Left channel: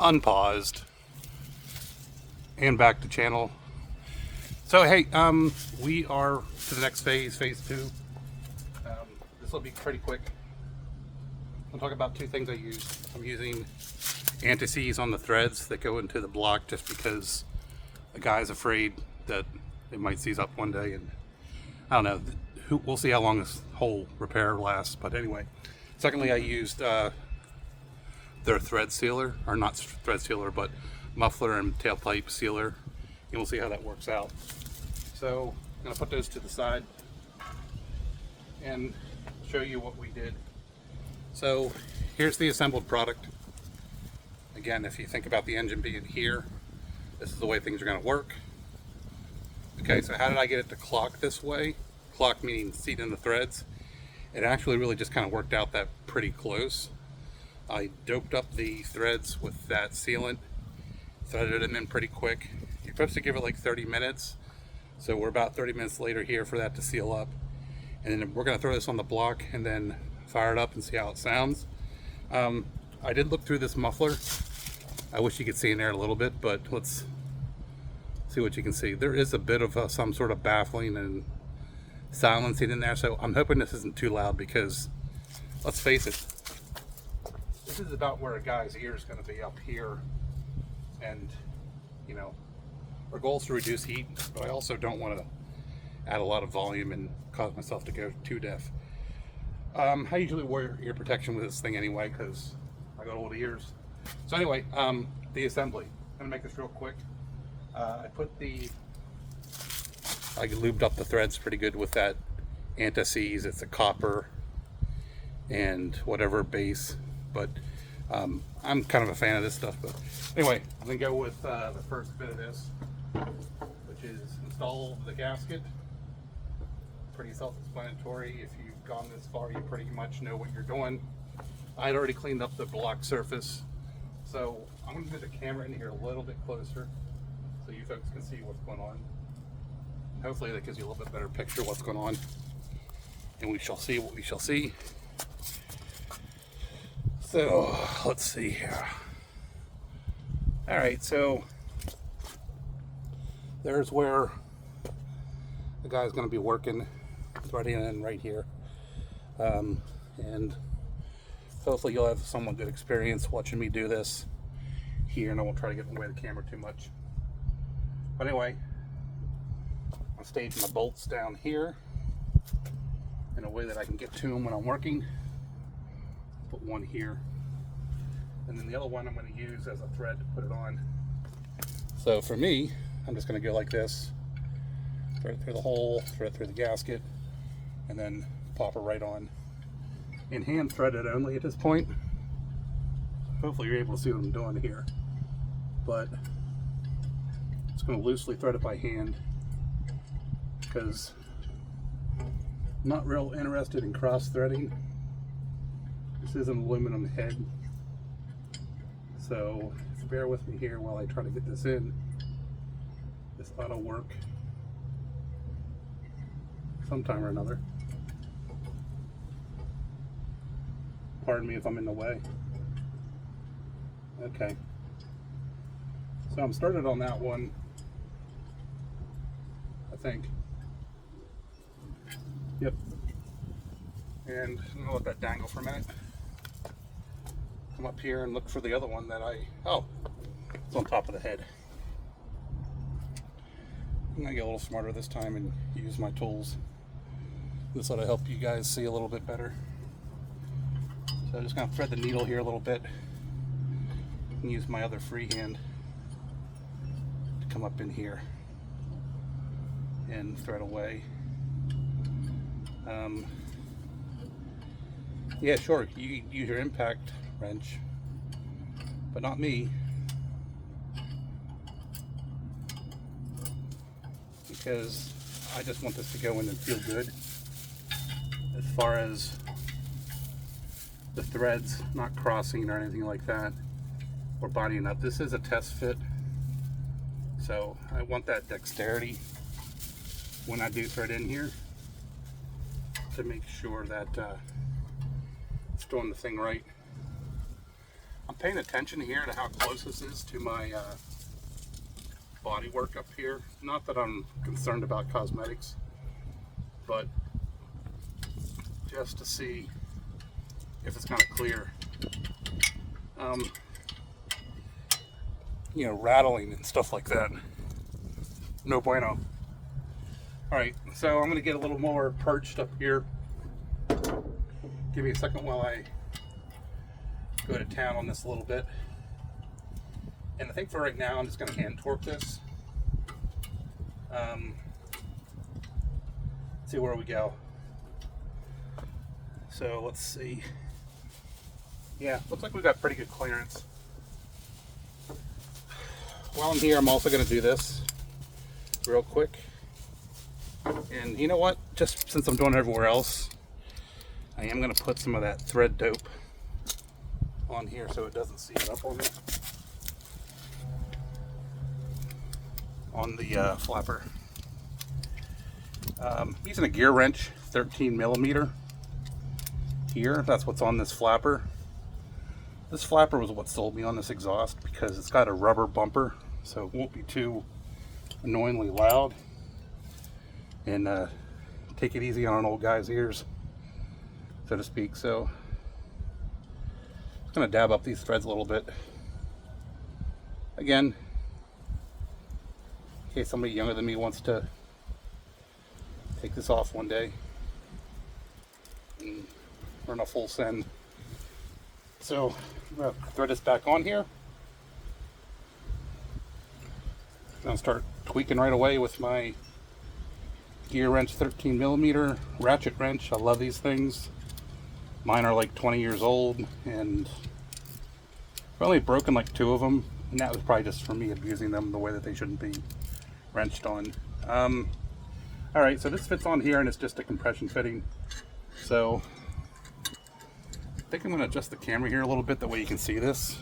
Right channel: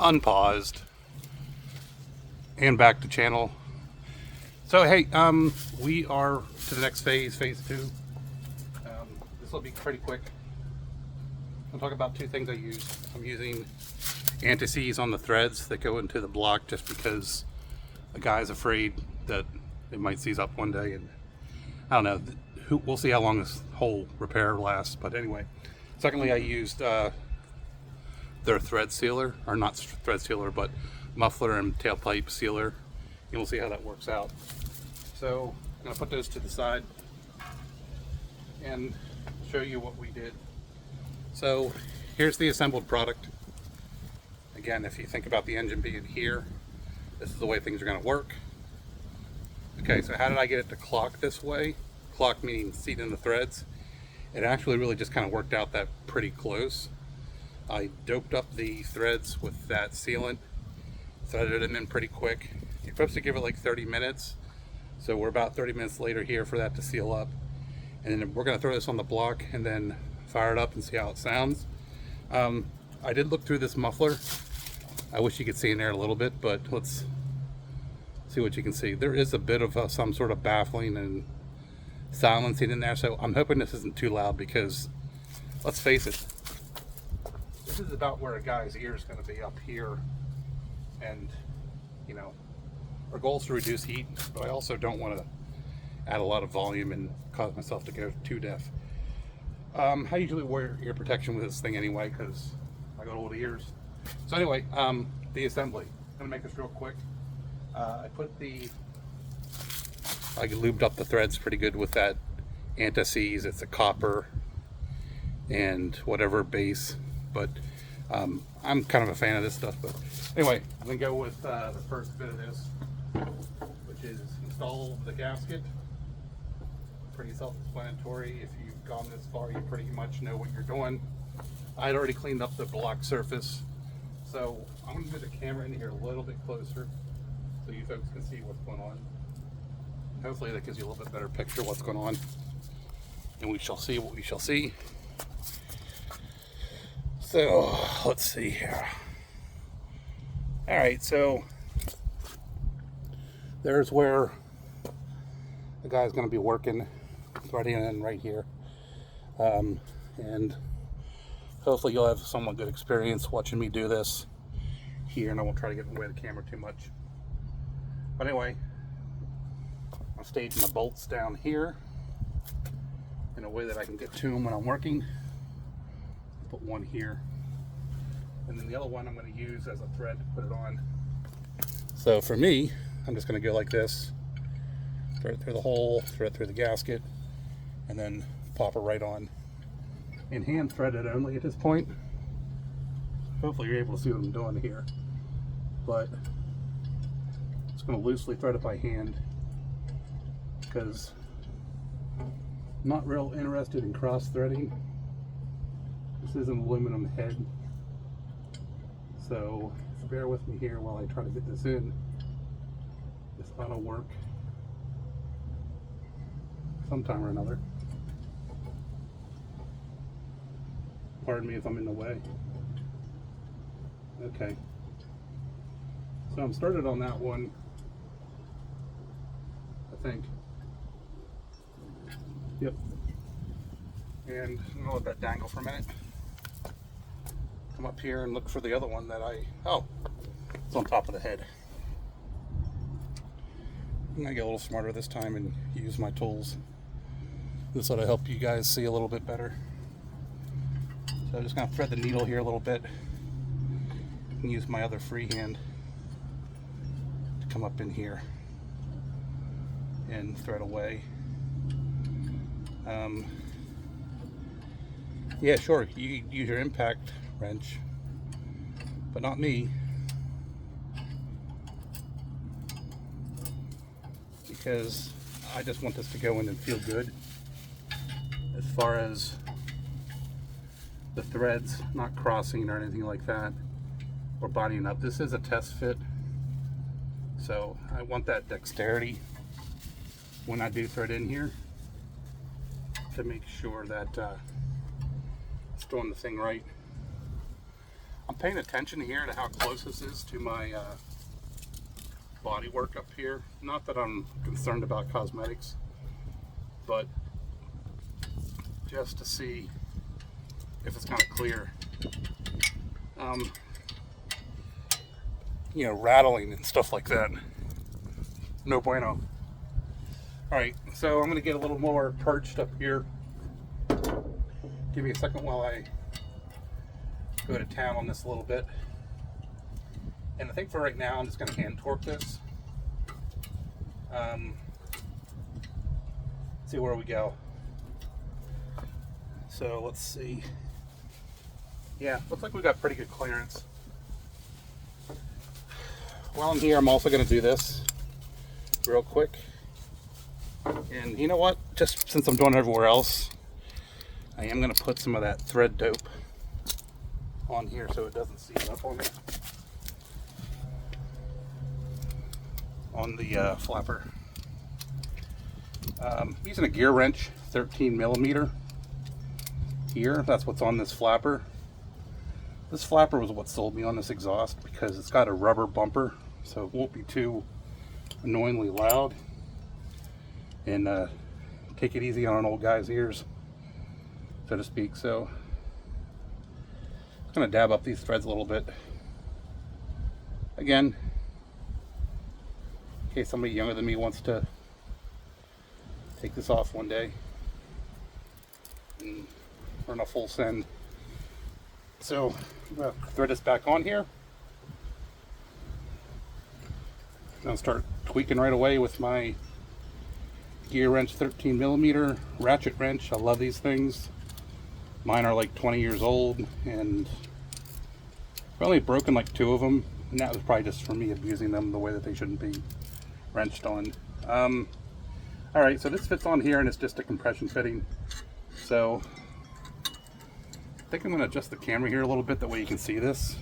unpaused and back to channel. So hey, we are to the next phase, phase 2. This will be pretty quick. I'll talk about 2 things I use. I'm using anti-seize on the threads that go into the block just because the guy's afraid that it might seize up one day, and I don't know, we'll see how long this whole repair lasts. But anyway, secondly, I used their thread sealer, or not thread sealer, but muffler and tailpipe sealer, and we'll see how that works out. So I'm going to put those to the side and show you what we did. So here's the assembled product. Again, if you think about the engine being here, this is the way things are going to work. Okay, so how did I get it to clock this way? Clock meaning seat in the threads. It actually really just kind of worked out that pretty close. I doped up the threads with that sealant, threaded them in pretty quick. You're supposed to give it like 30 minutes. So we're about 30 minutes later here for that to seal up. And then we're going to throw this on the block and then fire it up and see how it sounds. I did look through this muffler. I wish you could see in there a little bit, but let's see what you can see. There is a bit of some sort of baffling and silencing in there, so I'm hoping this isn't too loud, because let's face it, this is about where a guy's ear is going to be, up here. And you know, our goal is to reduce heat, but I also don't want to add a lot of volume and cause myself to go too deaf. I usually wear ear protection with this thing anyway, because I got old ears. So anyway, the assembly. I'm gonna make this real quick. I lubed up the threads pretty good with that anti-seize. It's a copper and whatever base, but I'm kind of a fan of this stuff. But anyway, I'm gonna go with the first bit of this, which is install the gasket. Pretty self-explanatory. If you've gone this far, you pretty much know what you're doing. I'd already cleaned up the block surface, so I'm going to move the camera in here a little bit closer so you folks can see what's going on. And hopefully that gives you a little bit better picture of what's going on, and we shall see what we shall see. So let's see here. All right, so there's where the guy's going to be working, threading in right here, and hopefully you'll have somewhat good experience watching me do this here, and I won't try to get in the way of the camera too much. But anyway, I'll stage my bolts down here in a way that I can get to them when I'm working. Put one here, and then the other one I'm going to use as a thread to put it on. So for me, I'm just going to go like this, thread it through the hole, thread it through the gasket, and then pop it right on. And hand thread it only at this point. Hopefully you're able to see what I'm doing here. But it's going to loosely thread it by hand, because I'm not real interested in cross threading. This is an aluminum head, so bear with me here while I try to get this in. This ought to work sometime or another. Pardon me if I'm in the way. Okay. So I'm started on that one, I think. Yep. And I'm gonna let that dangle for a minute. Come up here and look for the other one that it's on top of the head. I'm gonna get a little smarter this time and use my tools. This ought to help you guys see a little bit better. So I'm just going to thread the needle here a little bit and use my other free hand to come up in here and thread away. Yeah, sure, you use your impact wrench, but not me, because I just want this to go in and feel good. As far as the threads not crossing or anything like that, or bodying up. This is a test fit, so I want that dexterity when I do thread in here to make sure that it's doing the thing right. I'm paying attention here to how close this is to my body work up here. Not that I'm concerned about cosmetics, but just to see if it's kind of clear. You know, rattling and stuff like that. No bueno. Alright, so I'm going to get a little more perched up here. Give me a second while I go to town on this a little bit. And I think for right now, I'm just going to hand torque this. See where we go. So let's see. Yeah, looks like we've got pretty good clearance. While I'm here, I'm also going to do this real quick. And you know what? Just since I'm doing it everywhere else, I am going to put some of that thread dope on here so it doesn't seep up on me. On the flapper. Using a gear wrench, 13 millimeter here. That's what's on this flapper. This flapper was what sold me on this exhaust because it's got a rubber bumper, so it won't be too annoyingly loud. And take it easy on an old guy's ears, so to speak. So I'm gonna dab up these threads a little bit. Again, in case somebody younger than me wants to take this off one day and run a full send. So I'm gonna thread this back on here. I'll start tweaking right away with my gear wrench, 13 millimeter ratchet wrench. I love these things. Mine are like 20 years old, and I've only broken like 2 of them, and that was probably just for me abusing them the way that they shouldn't be wrenched on. All right, so this fits on here, and it's just a compression fitting. So I think I'm going to adjust the camera here a little bit, that way you can see this.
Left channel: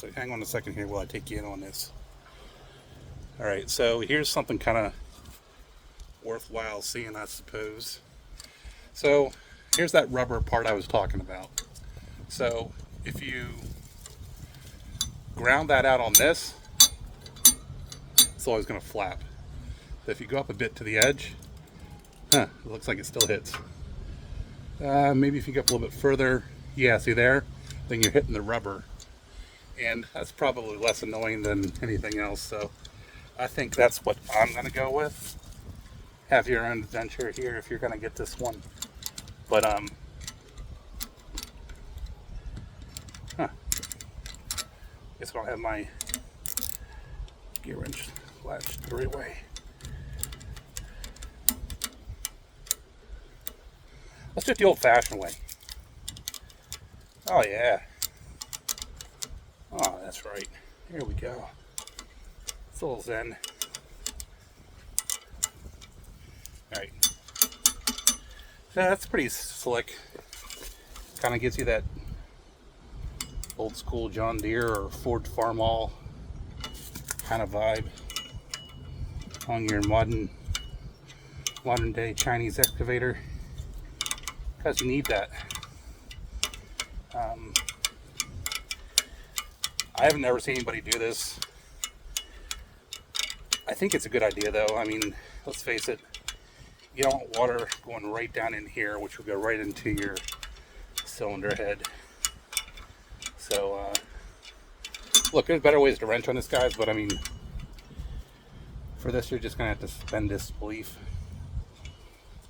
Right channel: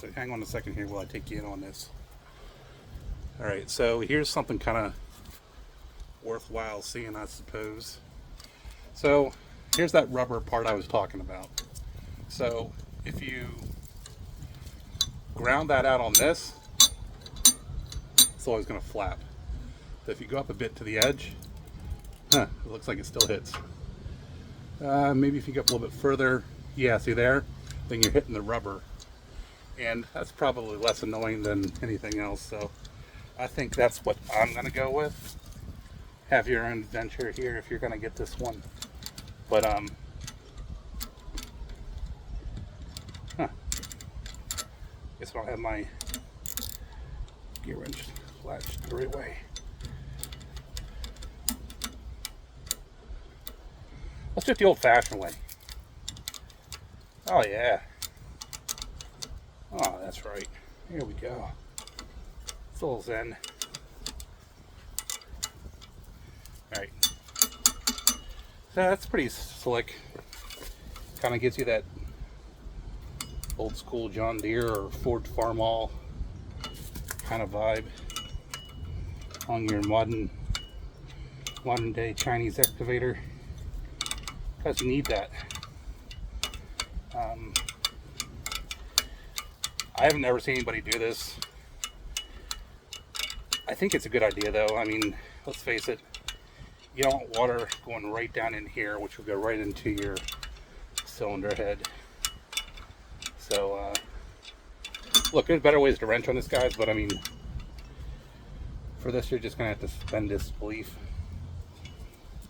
So hang on a second here while I take you in on this. All right, so here's something kind of worthwhile seeing, I suppose. So here's that rubber part I was talking about. So if you ground that out on this, it's always going to flap. But if you go up a bit to the edge, it looks like it still hits. Maybe if you go up a little bit further, yeah, see there? Then you're hitting the rubber. And that's probably less annoying than anything else. So I think that's what I'm going to go with. Have your own adventure here if you're going to get this one. But, guess I don't have my gear wrench latched the right way. Let's do it the old-fashioned way. Oh, yeah. Oh, that's right. Here we go. It's a little zen. Right. So that's pretty slick. Kind of gives you that old school John Deere or Ford Farmall kind of vibe on your modern day Chinese excavator, because you need that. I haven't ever seen anybody do this. I think it's a good idea though. I mean, let's face it, you don't want water going right down in here, which will go right into your cylinder head. So, look, there's better ways to wrench on this, guys, but I mean, for this, you're just going to have to suspend disbelief.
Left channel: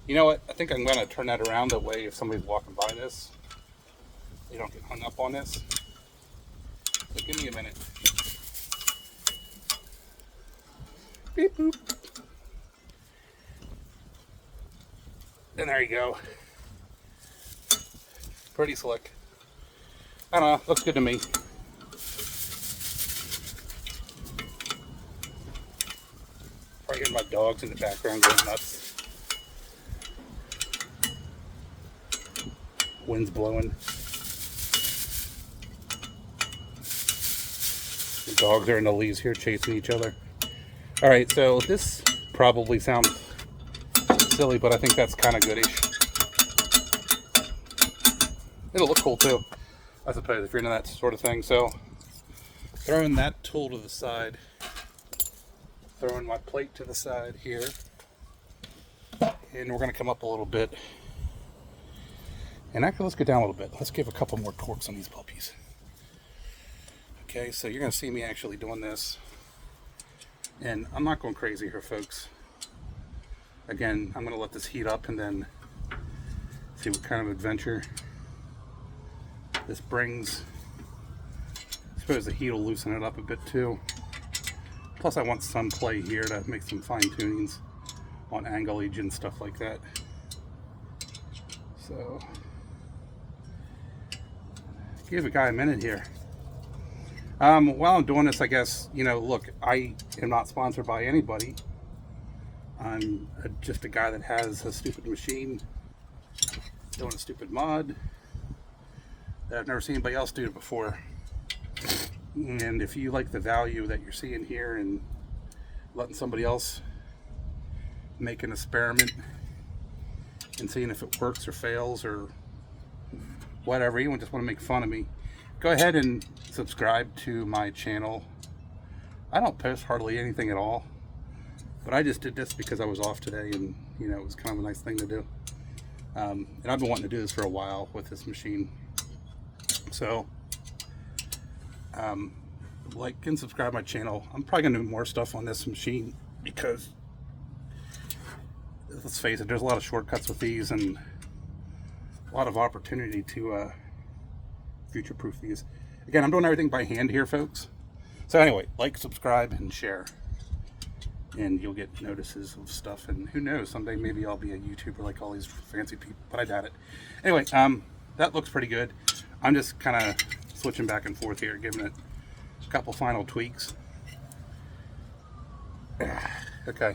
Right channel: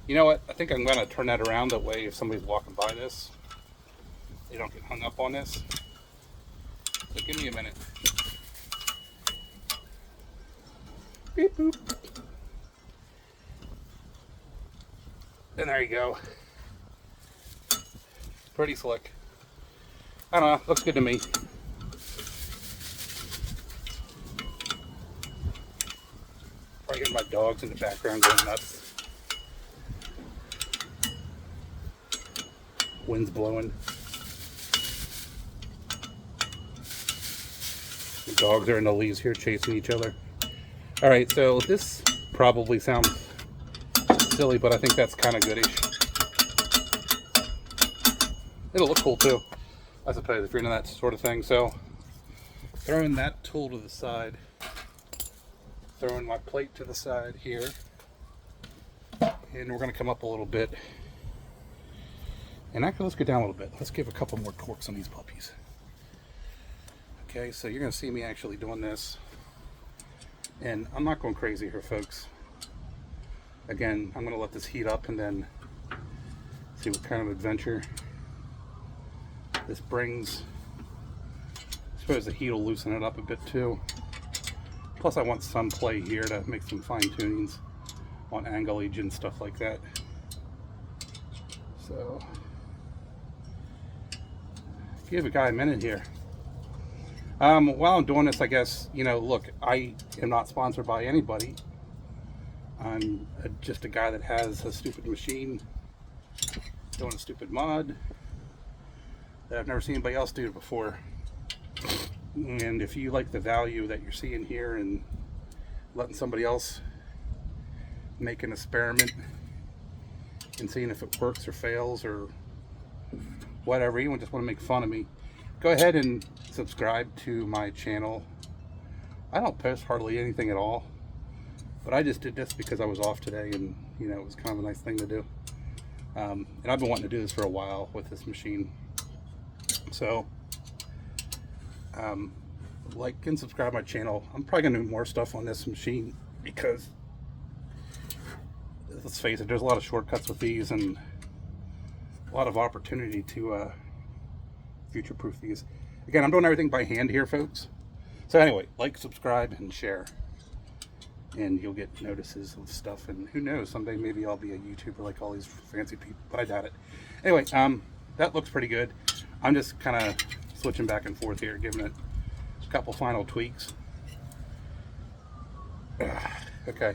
You know what? I think I'm going to turn that around. That way, if somebody's walking by this, they don't get hung up on this. So give me a minute. Beep boop. And there you go. Pretty slick. I don't know, looks good to me. Probably hear my dogs in the background going nuts. Wind's blowing. The dogs are in the leaves here chasing each other. Alright, so this probably sounds silly, but I think that's kind of goodish. It'll look cool too. I suppose, if you're into that sort of thing. So throwing that tool to the side, throwing my plate to the side here, and we're going to come up a little bit. And actually, let's go down a little bit. Let's give a couple more corks on these puppies. Okay, so you're going to see me actually doing this. And I'm not going crazy here, folks. Again, I'm going to let this heat up and then see what kind of adventure this brings. I suppose the heat will loosen it up a bit too. Plus I want some play here to make some fine tunings on anglage and stuff like that. So give a guy a minute here. While I'm doing this, I guess, you know, look, I am not sponsored by anybody. I'm just a guy that has a stupid machine doing a stupid mod that I've never seen anybody else do it before. And if you like the value that you're seeing here and letting somebody else make an experiment and seeing if it works or fails or whatever, you just want to make fun of me, go ahead and subscribe to my channel. I don't post hardly anything at all, but I just did this because I was off today and, you know, it was kind of a nice thing to do. And I've been wanting to do this for a while with this machine. So like and subscribe my channel. I'm probably gonna do more stuff on this machine because, let's face it, there's a lot of shortcuts with these and a lot of opportunity to future-proof these. Again, I'm doing everything by hand here, folks. So anyway, like, subscribe, and share, and you'll get notices of stuff. And who knows, someday maybe I'll be a YouTuber like all these fancy people, but I doubt it. Anyway, that looks pretty good. I'm just kind of switching back and forth here, giving it a couple final tweaks. Okay,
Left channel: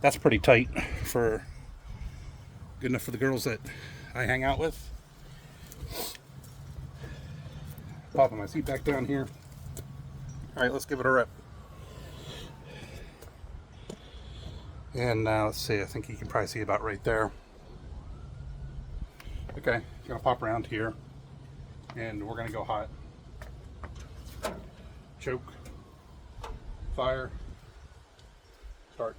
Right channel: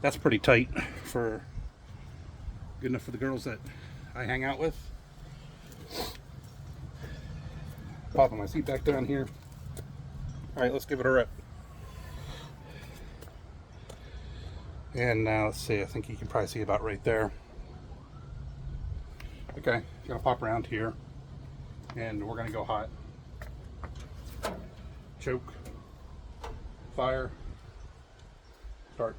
that's pretty tight for good enough for the girls that I hang out with. Popping my seat back down here. All right, let's give it a rip. And let's see, I think you can probably see about right there. Okay, gonna pop around here and we're gonna go hot. Choke, fire, start.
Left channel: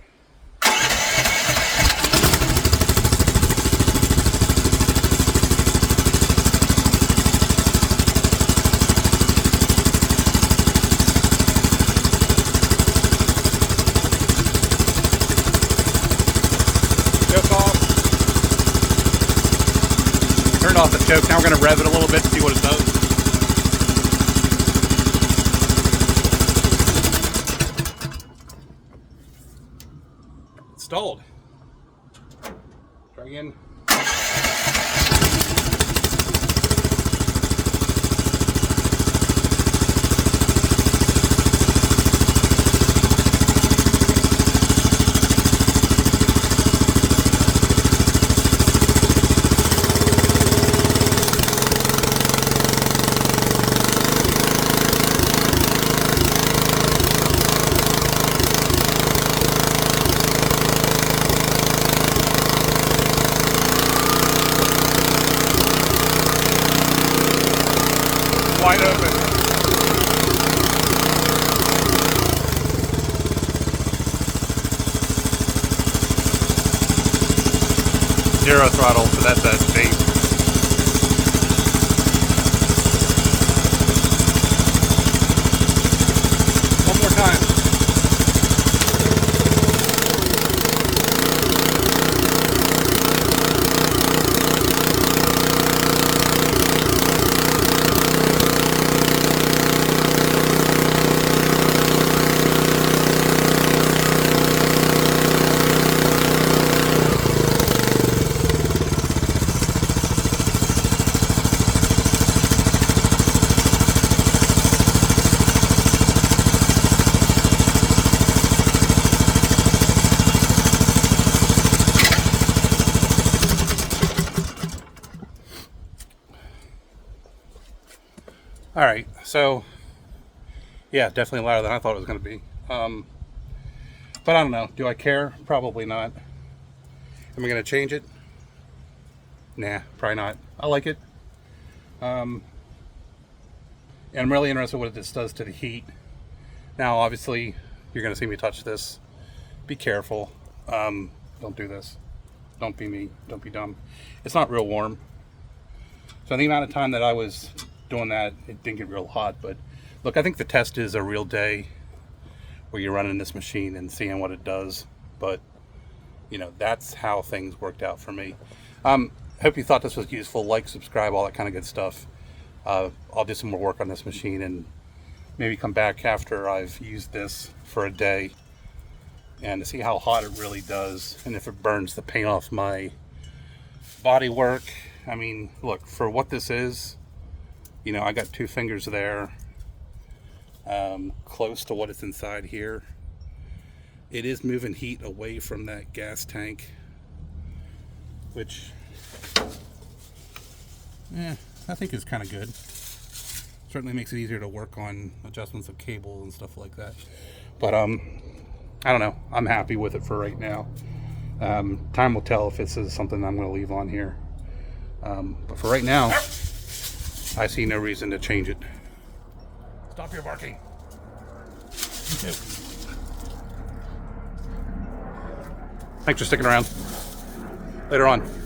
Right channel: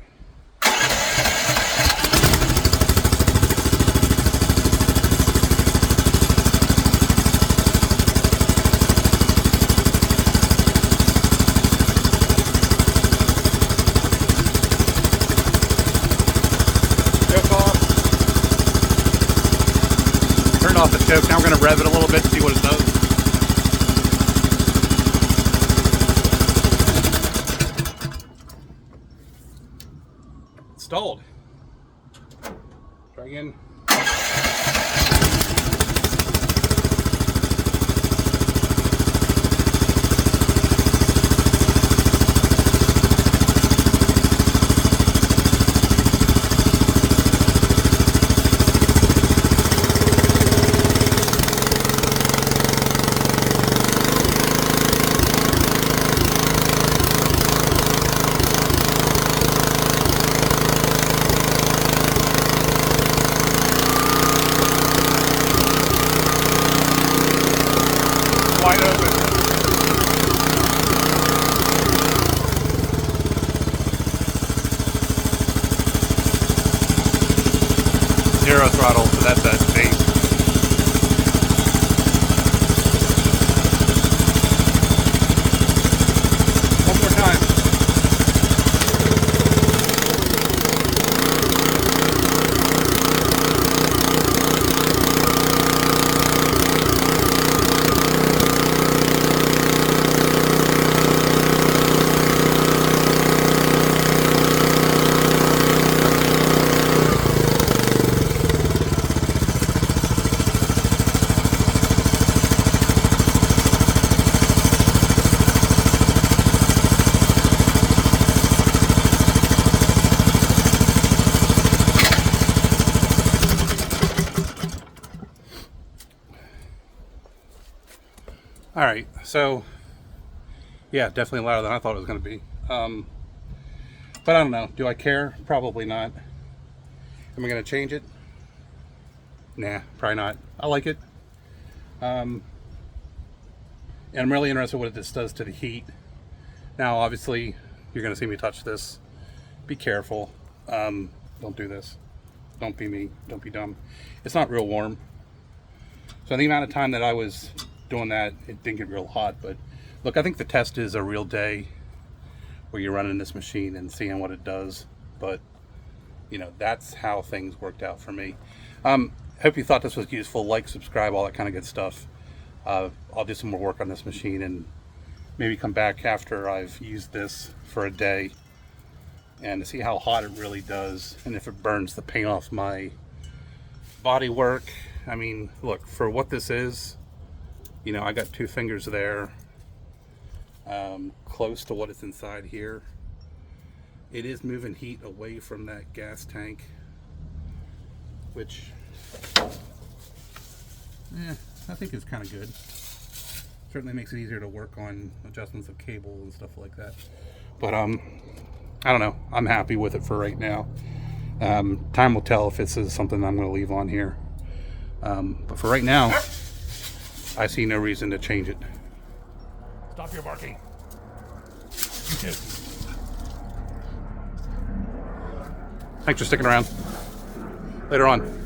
Off the choke. Now we're going to rev it a little bit and see what it does. It's stalled. Try again. Wide open. Zero throttle, so that's that speed. One more time. All right, so yeah, definitely louder than I thought it was going to be. But I don't know. Do I care? Probably not. Am I going to change it? Nah, probably not. I like it. And I'm really interested in what this does to the heat. Now, obviously, you're going to see me touch this. Be careful. Don't do this. Don't be me. Don't be dumb. It's not real warm. So the amount of time that I was doing that, it didn't get real hot. But look, I think the test is a real day where you're running this machine and seeing what it does. But, you know, that's how things worked out for me. Hope you thought this was useful. Like, subscribe, all that kind of good stuff. I'll do some more work on this machine and maybe come back after I've used this for a day and to see how hot it really does and if it burns the paint off my body work. I mean, look, for what this is, you know, I got 2 fingers there, close to what is inside here. It is moving heat away from that gas tank, which I think is kind of good. Certainly makes it easier to work on adjustments of cable and stuff like that. But I don't know. I'm happy with it for right now. Time will tell if this is something I'm going to leave on here. But for right now, I see no reason to change it. Stop your barking. You too. Thanks for sticking around. Later on.